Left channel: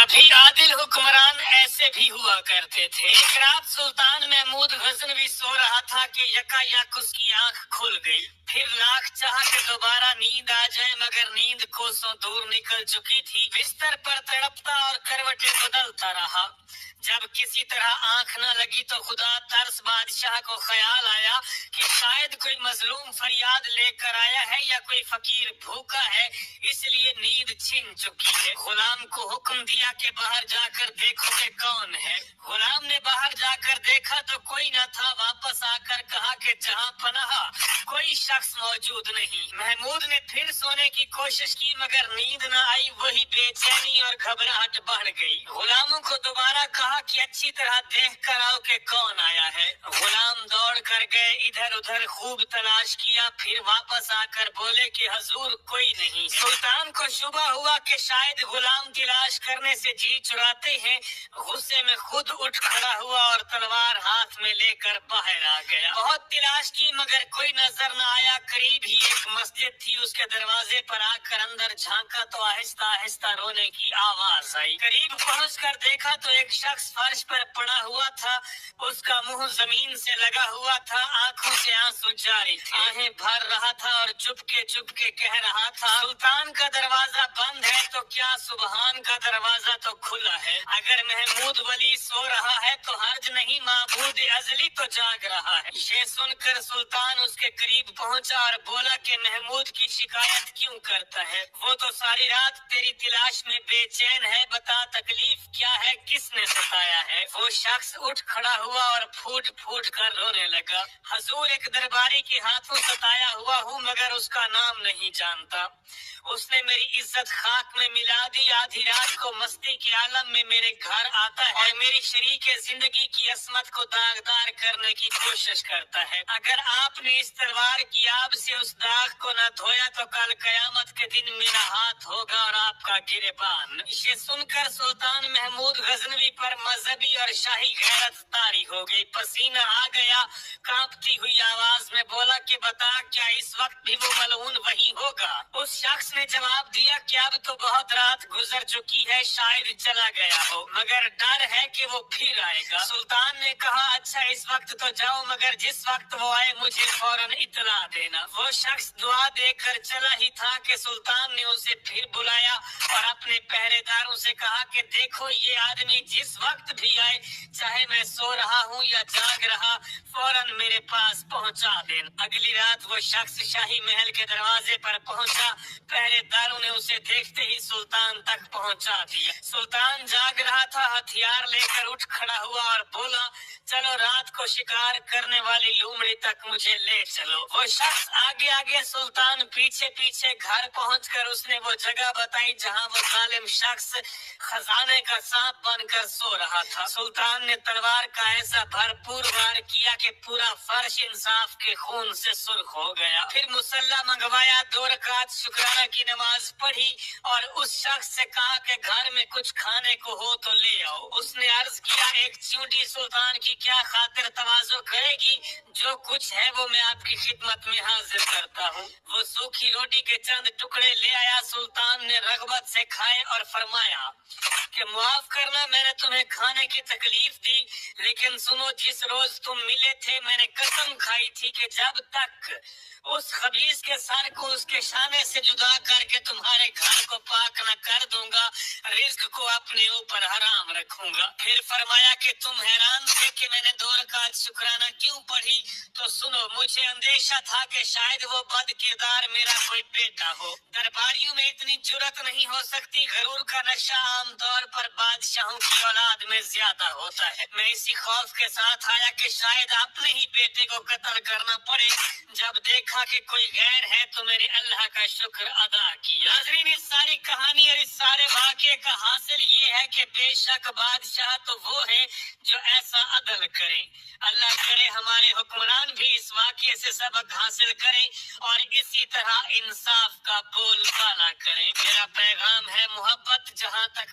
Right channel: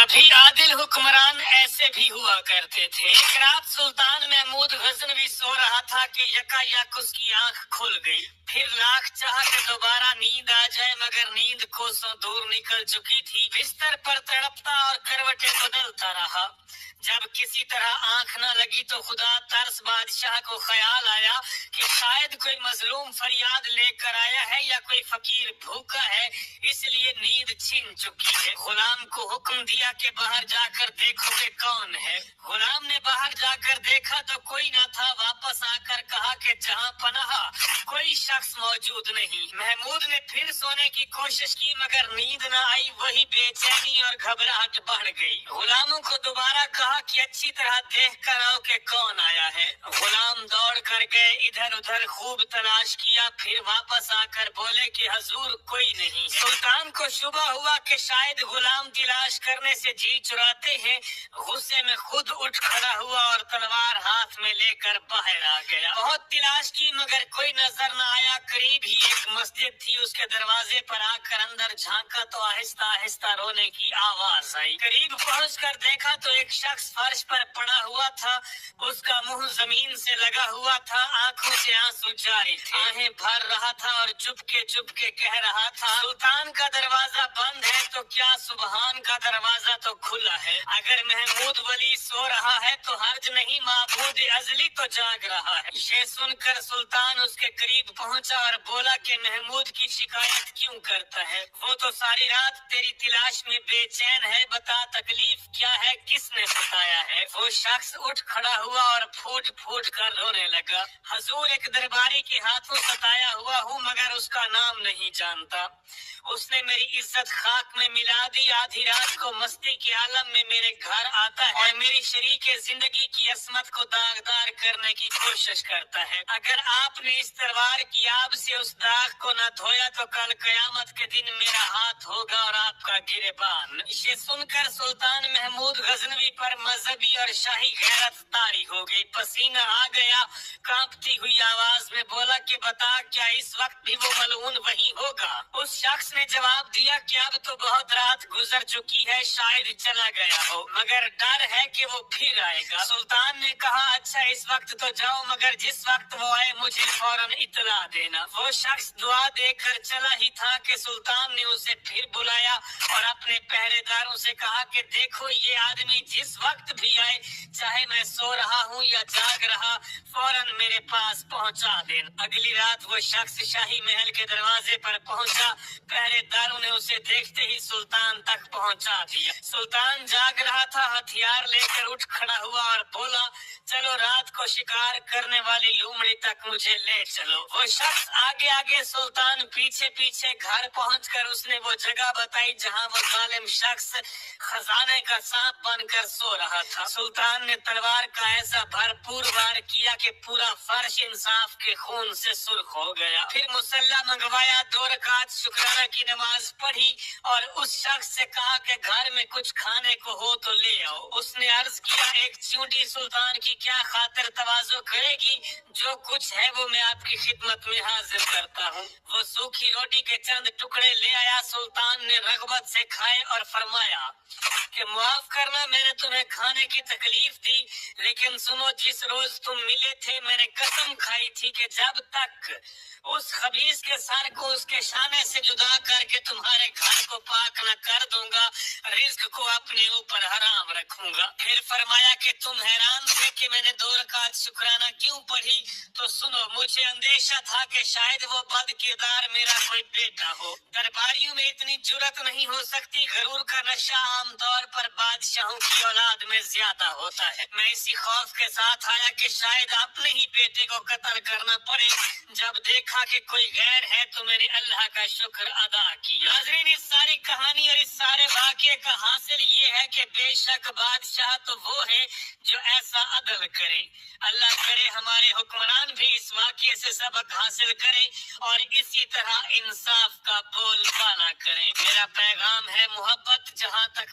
کبھی عادل حکمران ایسے بھی ہوا کرتے تھے۔ ایک رات سلطان محمود غزنوی سو رہا تھا کہ یکایک اس کی آنکھ کھل گئی۔ پھر لاکھ چاہا کہ دوبارہ نیند آ جائے، مگر نیند کوسوں دور نکل چکی تھی۔ بستر پر تڑپتا اور کروٹیں بدلتا رہا۔ جب کسی طرح آنکھ نہ لگی تو خدا ترس بادشاہ کو خیال آیا کہ شاید کوئی مظلوم فریاد لے کر آیا ہے یا کوئی فقیر بھوکا ہے، اس لیے نیند چھن چکی ہے۔ غلام کو حکم دیا کہ باہر جا کر دیکھو کہ کون ہے۔ غلام نے باہر جا کر دیکھا تو کوئی نہ تھا۔ واپس آ کر کہا کہ جہاں پناہ کوئی شخص موجود نہیں۔ محمود نے پھر سونے کی کوشش کی مگر نیند نہ آئی۔ وہی بے چینی اور گھبراہٹ بڑھ گئی۔ غلاموں کو دوبارہ کہا کہ اچھی طرح دیکھ کر آؤ کہ کون آیا ہے۔ غلام دوڑ کر گئے، ادھر ادھر خوب تلاش کیا، پھر واپس آ کر بولے کہ حضور کوئی نہیں۔ سلطان کو شبہ ہوا کہ شاید غلام تلاش کرنے سے جی چراتے ہیں۔ غصے میں خود اٹھ کھڑا ہوا اور تلوار ہاتھ میں لے کر باہر آ گیا۔ بہت تلاش کی مگر کوئی نظر نہ آیا۔ قریب ہی ایک مسجد تھی، اس کے دروازے پر آ کر اندر جھانکا تو آہستہ آہستہ رونے کی آواز آئی۔ قریب پہنچ کر دیکھا تو ایک شخص فرش پر پڑا ہوا تھا، اس کا منہ زمین سے لگا ہوا تھا، آنکھوں سے آنسو جاری تھے، آہیں بھر رہا تھا اور چپ کے کہہ رہا تھا، سلطان کا دروازہ بند ہے تو کیا سبحان کا دروازہ تو کھلا ہے۔ اگر محمود ولی سو رہا ہے تو حرج نہیں، معبود ازلی تو جاگ رہا ہے۔ یہ سن کر سلطان اس کے قریب پہنچا اور بولا کہ محمود کی شکایت کیوں کرتا ہے؟ وہ تو ساری رات تیری تلاش میں بے چین ہے، بتا تکلیف کیا ہے، کس نے ستایا ہے؟ وہ شخص اٹھ کھڑا ہوا اور پھوٹ پھوٹ کر رونے لگا، حضور ایک درباری کے ہاتھوں ستایا ہوا ہوں مگر اس کا نام نہیں جانتا۔ اس نے میری عزت خاک میں ملا دی، آدھی رات کو مستی کے عالم میں میرے گھر آتا ہے اور میری شریک زندگی کی عصمت کو داغدار کرنے کی کوشش کرتا ہے۔ اگر آپ نے اس تلوار کی آب سے اس داغ کو نہ دھویا تو کل قیامت کے دن میرا ہاتھ ہوگا اور آپ کا گریبان۔ یہ سن کر سلطان محمود غزنوی پر مذہبی اور شاہی غیرت طاری ہو گئی، پسینہ آ گیا، کانپتی ہوئی آواز میں بولا کہ بتا کیا اس وقت بھی وہ ملعون وہی ہوگا؟ اس شخص نے جواب دیا کہ اب تو بہت رات گزر چکی ہے، شاید چلا گیا ہو، مگر ڈر ہے کہ وہ پھر آئے گا۔ سلطان نے کہا اچھا اس وقت تو جاؤ، مگر جس وقت وہ آئے مجھے فوراً اطلاع دینا۔ وہ شخص دعا دے کر چلا ہی تھا کہ سلطان نے اسے پھر بلایا اور اپنے پہرے داروں سے کہا کہ دیکھو یہ آدمی جس وقت بھی آئے، چاہے میں سو رہا ہوں یا جاگ رہا، فوراً میرے پاس پہنچا دینا۔ اگلی رات وہ شخص شاہی محل کے دروازے پر پہنچا، پہرے داروں نے اسے دیکھتے ہی سلطان تک پہنچا دیا۔ سلطان جاگ رہا تھا، ہتھیار لے کر اٹھ کھڑا ہوا اور بولا چلو رات کو شکار کرنے والی لومڑی تک مجھے لے چلو۔ وہ شخص آگے آگے، سلطان پیچھے پیچھے۔ گھر پہنچ کر اس نے وہ جگہ بتائی جہاں وہ ظالم شخص خزانے کا سانپ بن کر سو رہا تھا۔ سلطان نے تلوار کا ایسا بھرپور وار کیا کہ پورا فرش انصاف کے خون سے سرخ ہو گیا۔ پھر مصلی منگوایا، 2 رکعت شکرانہ کی نماز پڑھی اور اس شخص سے کہا کہ گھر میں کچھ کھانے کو ہو تو لے آؤ۔ اس نے عرض کیا ایک چیونٹی سلطان کی کیا خاطر تواضع کرے گی، جو کچھ ہے وہ میں آپ کی خدمت میں حاضر کرتا ہوں۔ وہ سوکھی روٹی کے چند ٹکڑے لے آیا، سلطان نے رغبت سے کھائے اور فرمایا کہ معاف کرنا میں نے تمہیں کھانے کی تکلیف دی، لیکن سنو جس روز تم ملے تھے میں نے قسم کھائی تھی کہ جب تک اس خبیث کے سر کو اس کے شانے سے جدا کر کے تمہارے گھر کو پاک نہ کر دوں گا، رزق کو اپنے اوپر حرام رکھوں گا۔ پھر فرمایا کہ تم حیران تھے کہ میں نے 2 رکعت شکرانہ کیوں پڑھی، تو سنو مجھے اندیشہ تھا کہ شاید وہ بد کردار میرا کوئی بیٹا ہو۔ درباریوں میں اتنی جرأت نہیں ہو سکتی، غرور کا نشہ عام طور پر بادشاہوں کی اولاد میں زیادہ ہوتا ہے۔ میں اسی خوف کے ساتھ آیا کہ شاید اپنے ہی بیٹے کو قتل کرنا پڑے، جب دیکھا کہ کوئی غیر ہے تو میں نے اللہ کا شکر ادا کیا۔ ناظرین اس ساری کہانی اور اس سارے واقعے کا حاصل یہ ہے کہ بے شک بادشاہ تو وہ ہے جو ایسا عدل کرے۔ اللہ کرے ہمارے حکمران بھی اس واقعے سے سبق حاصل کرے اور اسی طرح انصاف کا بول بالا کرے۔ میرا پیغام ہے محبت، جہاں تک